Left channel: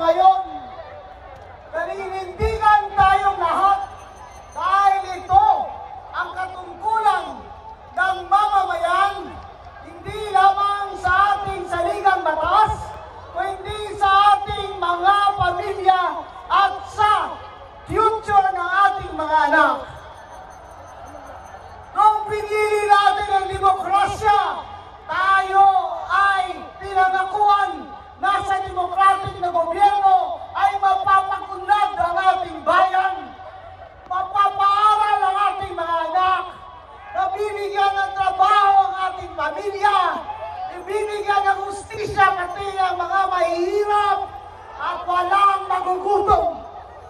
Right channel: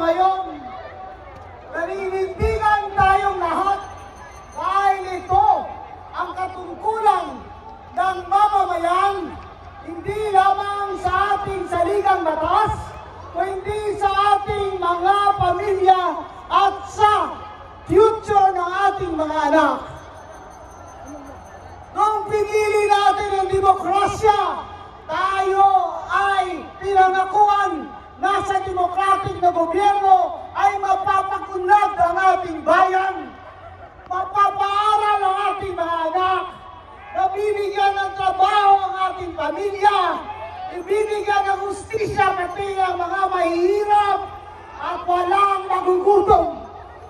ngayon. Naninindigan tayong lahat dahil ito ang katungkulan ng mamamayan, hindi lamang sa ating saligang batas, kundi sa ating mga pamilya at sa future ng ating mga anak. Nung pinili natin ang demokrasya, tayo ay pinangakuan na sa demokratik na gobyerno ay mapapakunlad ang ating bayan, mapapaaral ang ating mga anak, nabibigyan ng trabaho ang ating pamilya, ibibigyan ng hustisya pati ang mga mahihirap at walang magugutom,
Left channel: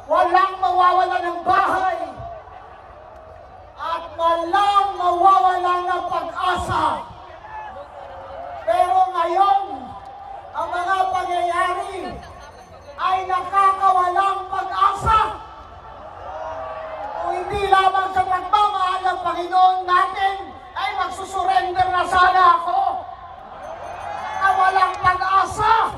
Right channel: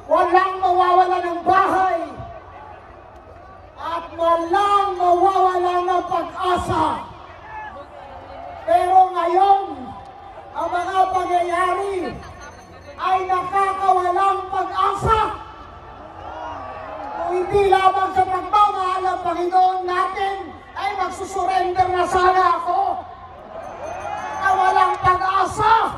walang mawawala ng bahay, at walang mawawala ng pag-asa. Pero ngayon, ang mga pangyayari ay nakakawalang pag-asa. Kung hindi lamang sa pagmamahal ng Panginoon natin, ay magsusurrender na sana ako. Walang pag-asa.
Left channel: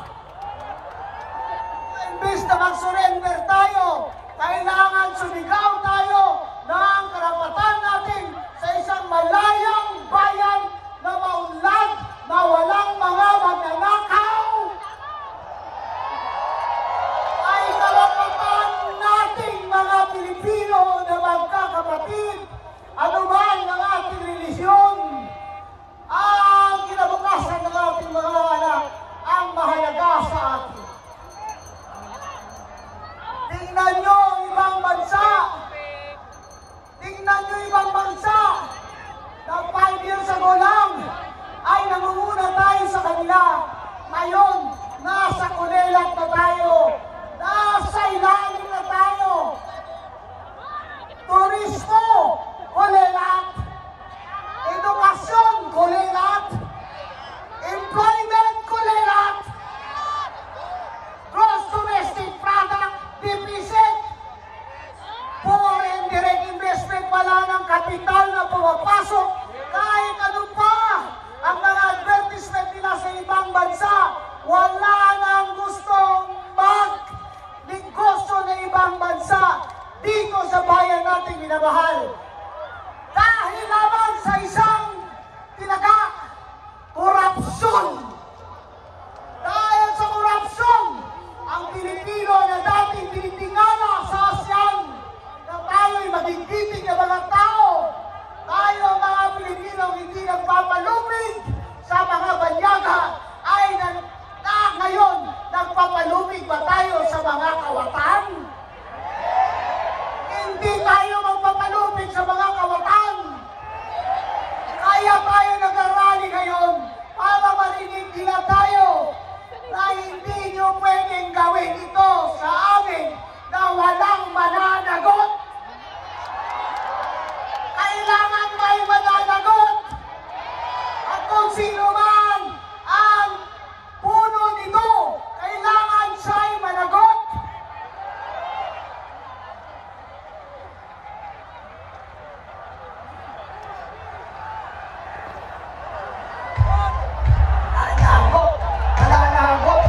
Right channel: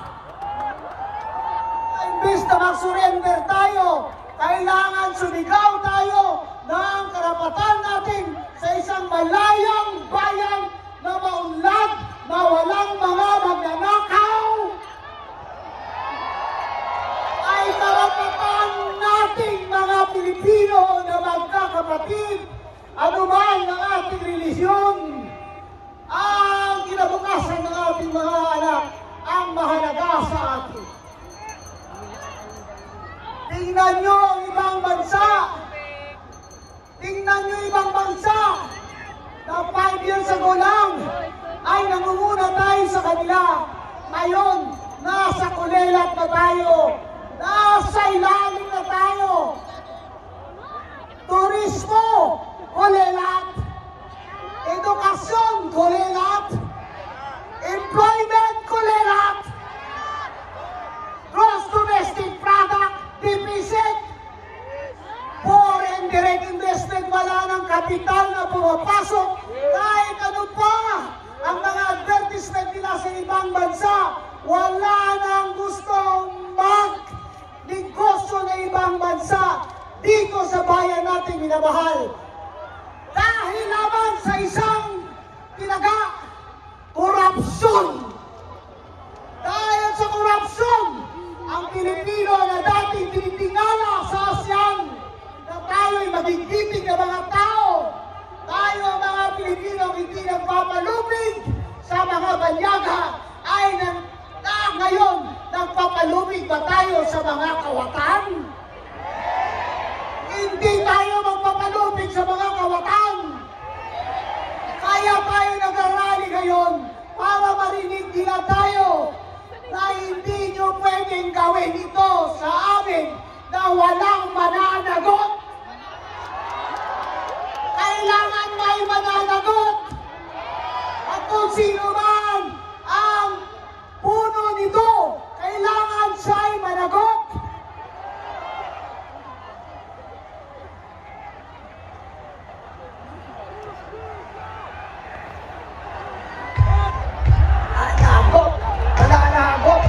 Imbis na mag-surrender tayo, kailangan sumigaw tayo ng karapatan natin sa isang malayang bayan na maunlad, na walang mga magnanakaw. Ay karapatan nating mga Pilipino na magkakapatid, anuman ang ating relisyon, ang kinabukasan ng ating mga anak ang mahalaga sa atin. Tingnan nyo ang ibang bansa. Tingnan nyo ibang bansa na 5 years ago lang ay nangunguna tayo sa kanila. Ngayon, nasa kulelat na tayo. Nasa ilalim na tayo. Turismo, kulelat. Edukasyon, kulelat. Employment, kulelat. Gross domestic product, deficit. Foreign direct investment, wala ng kapital na pumapasok. Kahit ano pa ang mga advertisement nila sa ibang bansa, wala nang gustong mag-negosyo na ibang bansa dito sa bayan nating minamahal. Dahil lamang sa isang tinaga, korupsyon. Dahil sa korupsyon, ang Pilipino na dating tinitingala sa ASEAN na tayo'y magigipig ng mga tao, tayo mga Pilipino hindi nagpapalupig sa mga banyaga, ay ngayon nagpapalupig ba tayo sa mga kawatan? Hindi tayo magpapalupig sa mga kawatan. Kaya tayo nag-arali ngayon para marinig nila tayo na hindi nyo pwedeng gawin ito sa amin na walang mananagot. Kailangan may mananagot. At kung sino man ang puno nito, kailangan siya'y managot. Nanagot. Nanagot.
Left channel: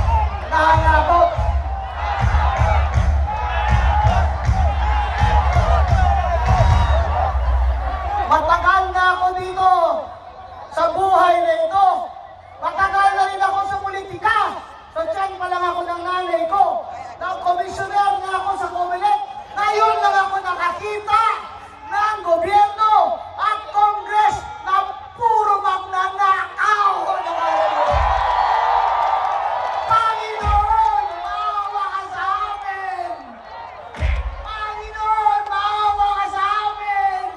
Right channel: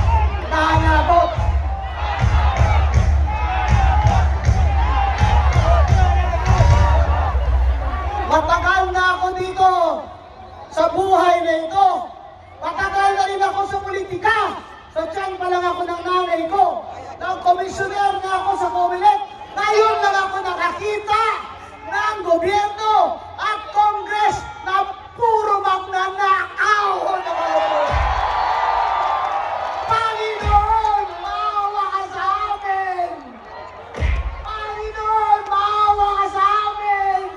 Nanagot. Matagal na ako dito sa buhay na ito. Matagal na rin ako sa politika. Sa tiyan pa lang ako ng nanay ko. Nang komisyoner na ako sa Comelec. Ngayon lang ako nakakita ng gobyerno at Congress na puro magnanakaw. Panginoon, maawa ka sa amin! Panginoon, maawa ka sa amin!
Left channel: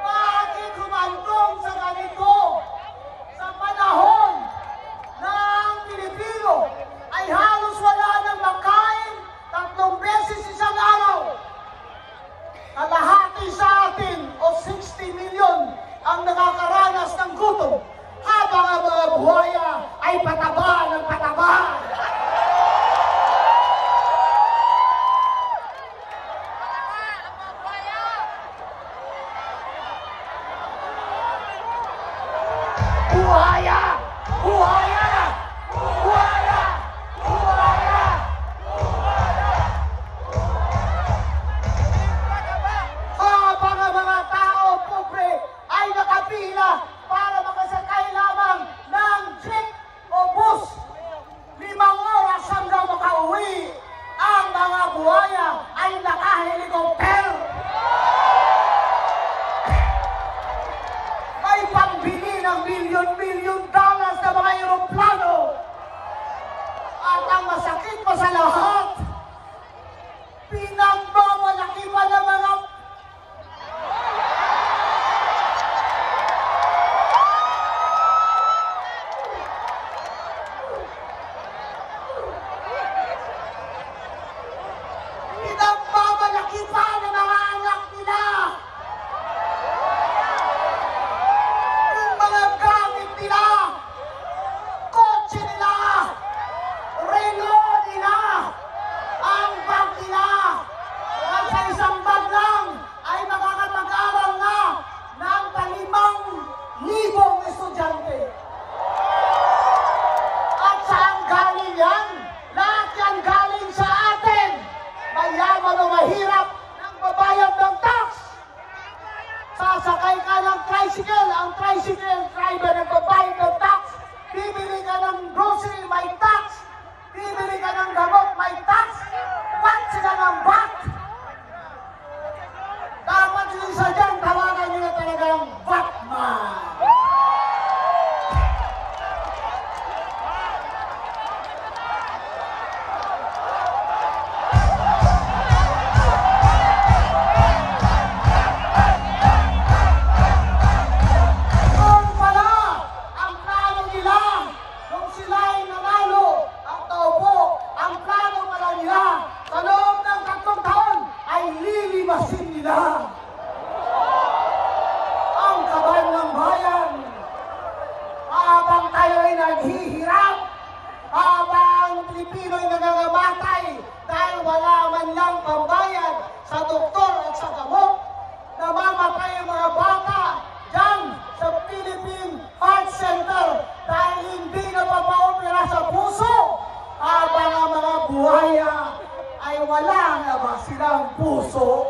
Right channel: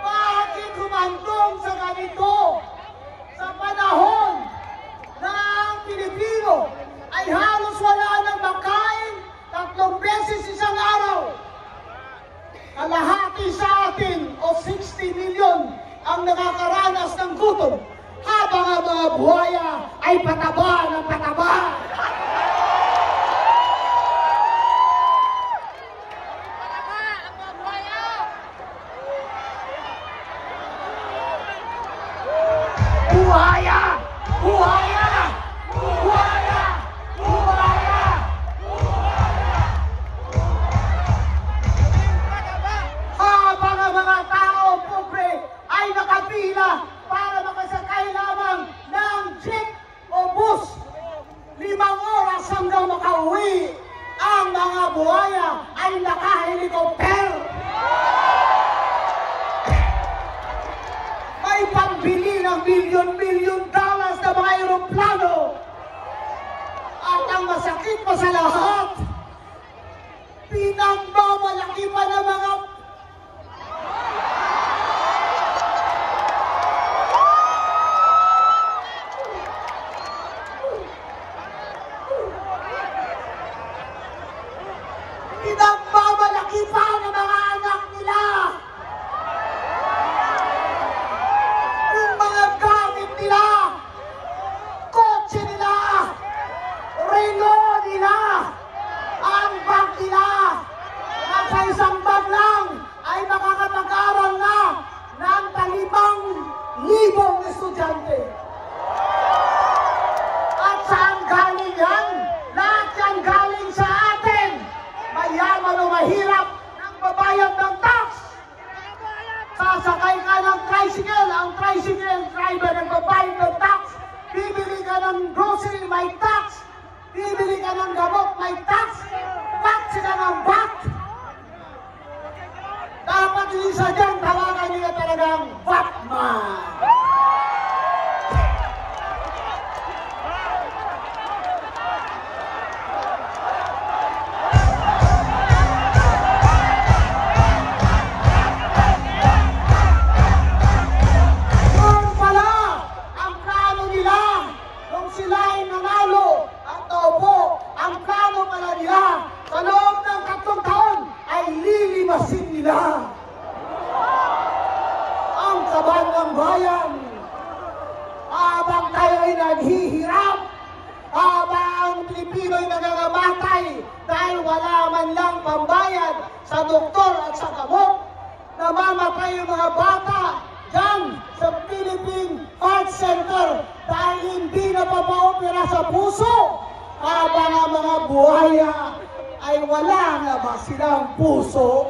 Bakit humantong sa ganito? Sa panahon ng Pilipino ay halos wala nang uuwi ang mga buhaya ay naka-helicopter. May pambili ng milyon-milyon dollars na mga aeroplano. At ang masakit pa sa lahat, pinagmamalaki pa ng mga anak nila. Yung mga gamit nila, kotse nila, relo nila, ang bag nila, at sa isang bag lang ay makakapag-aral na ng 5,000 estudyante. At saan galing yan? Lahat yan galing sa atin. Mayaman o mahirap, nang babayad ng tax. Sasakay ka ng tricycle, ang tricycle driver ang babayad ng tax. Bibili ka ng grocery, may tax. Bibili ka ng gamot, may tax. Ba't sila ng back? Dapat din sa dyan, tawagan nyo na talagang Batman. Ang kaban ng bayan, habang tayo ay naghihirap, habang Pilipino ay nangangamatay dahil wala man lang pambayad sa doktor at sa gamot, namamatay yung mga bata dyan sa Philippine Heart Center dahil hindi napapaopera sa puso, habang ang mga buhaya ay wala na ba silang puso?